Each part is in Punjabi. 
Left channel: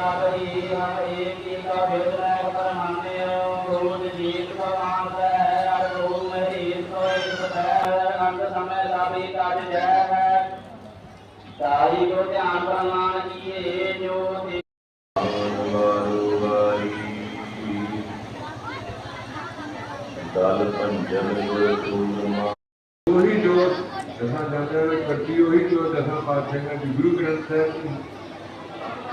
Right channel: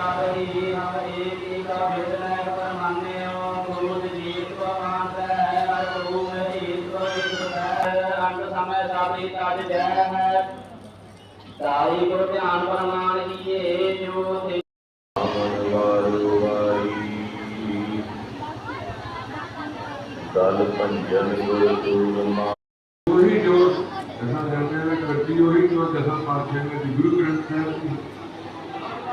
ਏਕੀ ਕਾ ਵਿਦਨੈ ਪਰਮਾਨਿਓ ਗੁਰੂ ਜੀਤ ਕਾ ਮਾਨਸ ਹੈ ਹਰ ਗੁਰੂ ਮੇਰੀ ਕੋ ਇੱਕ ਹੈ ਅੰਗ ਸਮੈ ਸਾਬੀ ਕਾਜ ਜੈ ਹੈ। ਸਾਈ ਕੋ ਧਿਆਨ ਪ੍ਰਮਾਨ ਕੀਏ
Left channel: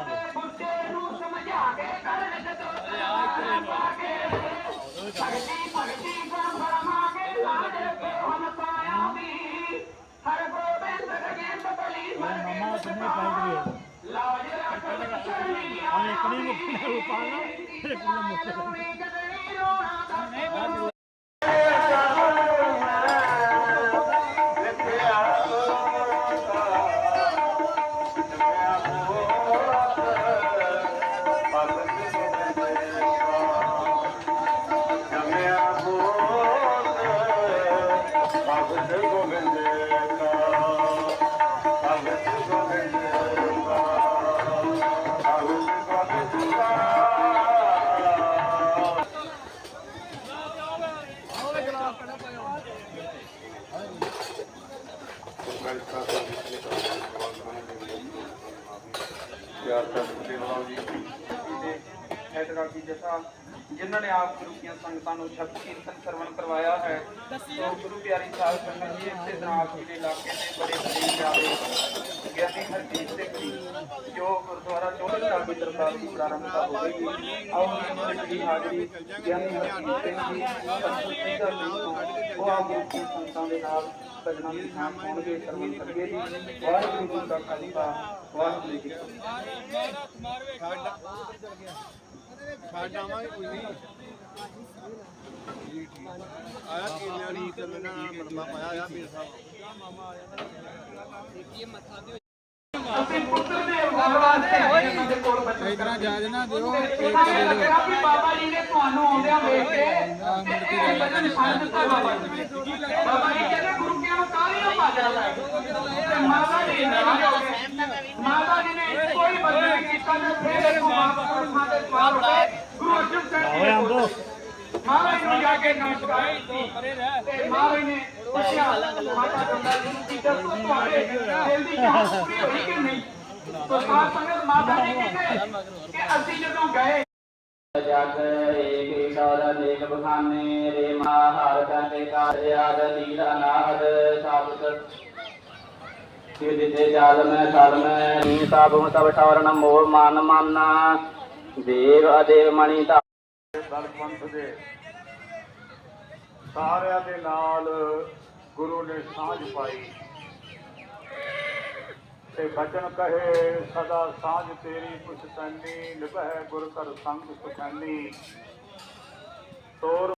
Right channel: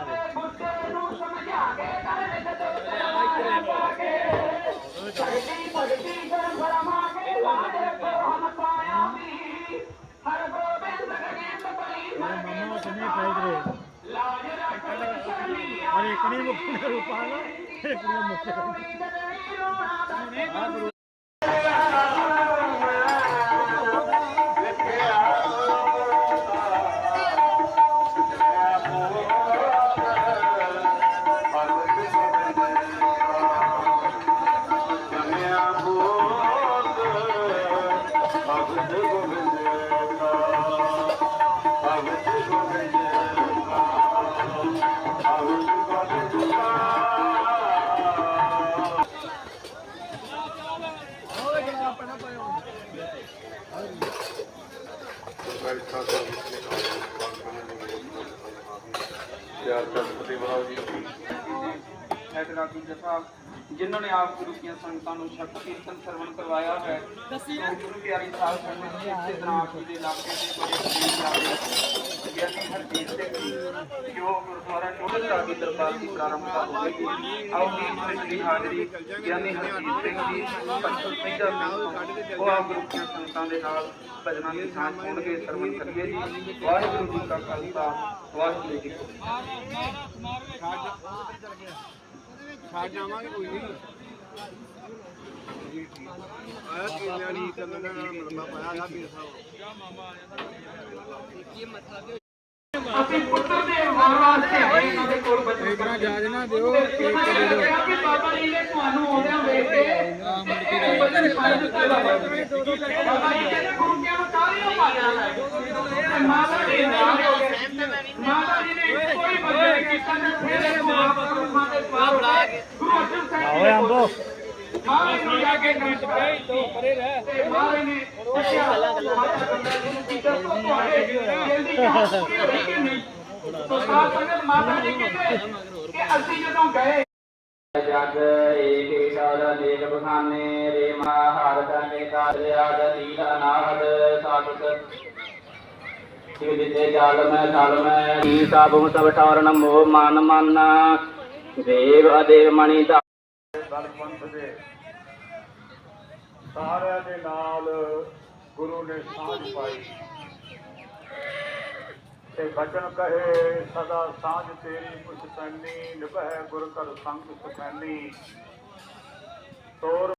ਗੁਰ ਸੂਰਮਾ ਉਹੀ ਜੋ ਦਸਾਂ ਗ੍ਰੰਥਾਂ ਵਿੱਚ ਕੱਟੀ ਉਹੀ ਜੋ ਦਸਾਂ ਪਾਤਸ਼ਾਹਾਂ ਦੀ ਗੁਰੂ ਗ੍ਰੰਥ ਸਾਹਿਬ ਦੀ ਜੋ ਤੁਹਾਡੇ ਸਾਰੇ ਮੁੰਡਾ ਕਿੱਥੇ ਮਾਮਾ ਸੁਣੇ ਪਾਈ ਕਰੇ ਅਰੇ ਇੱਕ ਨਹੀਂ ਮੁੱਕਣਾ ਰੂਪਾ ਨਾ ਇੱਕ ਨਹੀਂ ਮੁੱਕਣਾ ਹੈਦਰਾ ਕੀ ਜਸਾ ਜਿਨ੍ਹਾਂ ਨੇ ਆਪ ਗੁਰੂ ਦੀਆਂ ਸੰਗਤਾਂ ਨੂੰ ਸ਼ਬਦ ਕੀਰਤਨ ਸਰਵਣ ਕਰਵਾਇਆ ਹੈ ਸੋ ਗੁਰੂ ਪਿਆਰੀ ਸਾਹਿਬ ਸੰਗਤ ਜੀ ਤੇ ਜਨਾਬ ਜੀ ਦੇ ਇਲਾਕੇ ਦੇ ਬੜੇ ਕਬੀਰ ਜਾਦੇ ਗਿਆਨੀ ਹਰਜੀਤ ਸਿੰਘ ਜੀ ਜੋ ਗੁਰਦੁਆਰਾ ਚੋਹਰ ਸਾਹਿਬ ਦੀ ਦਰਬਾਰ ਦੀ ਪ੍ਰਾਰੰਭਤਾ ਹੋਵੇਗੀ ਆਓ ਜੀ ਦੀ ਹਾਜ਼ਰੀ ਗਿਆਨੀ ਹਰਜੀਤ ਸਿੰਘ ਜੀ ਸਿੱਧਾ ਸਿੰਘ ਤੋਂ। ਉਹ ਆਪ ਗੁਰੂ ਦੀਆਂ ਸੰਗਤਾਂ ਦੇ ਨਾਲ ਭਜਨਾਂ ਦੀ ਸਾਂਝ ਹੋਣਗੇ ਸਰਵਣ ਕਰੀਏ ਜੀ। ਵਾਹਿਗੁਰੂ ਜੀ ਕਾ ਖਾਲਸਾ ਵਾਹਿਗੁਰੂ ਜੀ ਕੀ ਫਤਿਹ। ਅਸੀਂ ਪੁੱਤਰ ਦੇ ਹੋਣ ਵਾਸਤੇ ਇਹਨਾਂ ਦੇ ਕੋਲ ਬੱਚੇ ਇਤਨਾ ਜਾਜ ਨਾ ਦਿਓ ਉਹਨਾਂ ਨੇ ਕਿਹਾ ਕਿ ਬਾਬਾ ਜੀ ਨੇ ਤੁਹਾਨੂੰ ਆਉਂਦਿਆਂ ਵੇਖ ਕੇ ਬਚਨ ਸਾਂਝ ਦਿੱਤੇ ਬਾਬਾ ਜੀ ਨੇ। ਬਾਬਾ ਜੀ ਕਹਿੰਦੇ ਗੁਰੂਆਂ ਨੂੰ ਸਾਰੀਆਂ ਭਾਜਣਾ ਲੈ ਤੇ ਮਾਤਾ ਜੀ ਗਏ। ਮਾਤਾ ਜੀ ਨੇ ਹੀ ਬਚਨ ਕੀਤਾ ਤੇ ਫਿਰ ਇਹ ਮਾਤਾ ਨੂੰ ਮਾਤੇ ਸਵਾਲ ਹੋ ਗਏ ਗੁਰੂ ਅਰਜਨ ਸਾਹਿਬ ਜੀ ਨੇ ਬੋਲੇ। ਮਹਾਰਾਜ ਨੂੰ ਜਾ ਕੇ ਨਮਸਕਾਰ ਤੇ ਮਹਾਰਾਜ ਨੇ ਪੁੱਛਿਆ, ਮਾਤਾ ਬੰਦਾ ਜੀ ਕੀ ਦੱਸੋ ਤੁਹਾਡੇ ਦਿਲ ਦੀ ਚਾਹ ਪੂਰੀ ਹੋਈ ਕਿ ਨਹੀਂ? ਤੋ ਸਾਧ ਸੰਗਤ ਮਾਤਾ ਜੀ ਕਹਿੰਦੇ ਕਿ ਅਸੀਂ ਜਦੋਂ ਗਏ, ਜਗ ਏਕੇ ਕਾਲ ਦੇਖ ਬਖਾਨੇ, ਰੇ ਮਹਾਰ ਕਨੇ ਕਾਜ ਆਦ ਨੀਲ ਅਨਾਹਦ ਸਾਬਤ ਸਿਵ ਜਿਤੇ ਜਾਲ ਮੈਂ, ਸਲ ਮੈਂ ਸਭ ਠੌਰਨ ਮੋਹ ਮਨ ਮਨ। ਦੇਵ ਅਦੇਵ ਮਣੀ ਦਾ ਦਲਪੰਥ ਦੇ ਸਾਰਿਆਂ ਦੇ ਨਾਲ ਗੁਰੂ ਨੇ ਸਾਂਝ ਪਾਈ। ਤੇ ਬਚਨ ਕਹੇ, ਸਦਾ ਸਾਂਝ ਤੇਰੀ ਪੁਛਤਨੀ ਨਿਭੈ ਗੁਰ ਕਰ ਸੰਗ ਸੁਖੈਨੀ। ਤੋਰ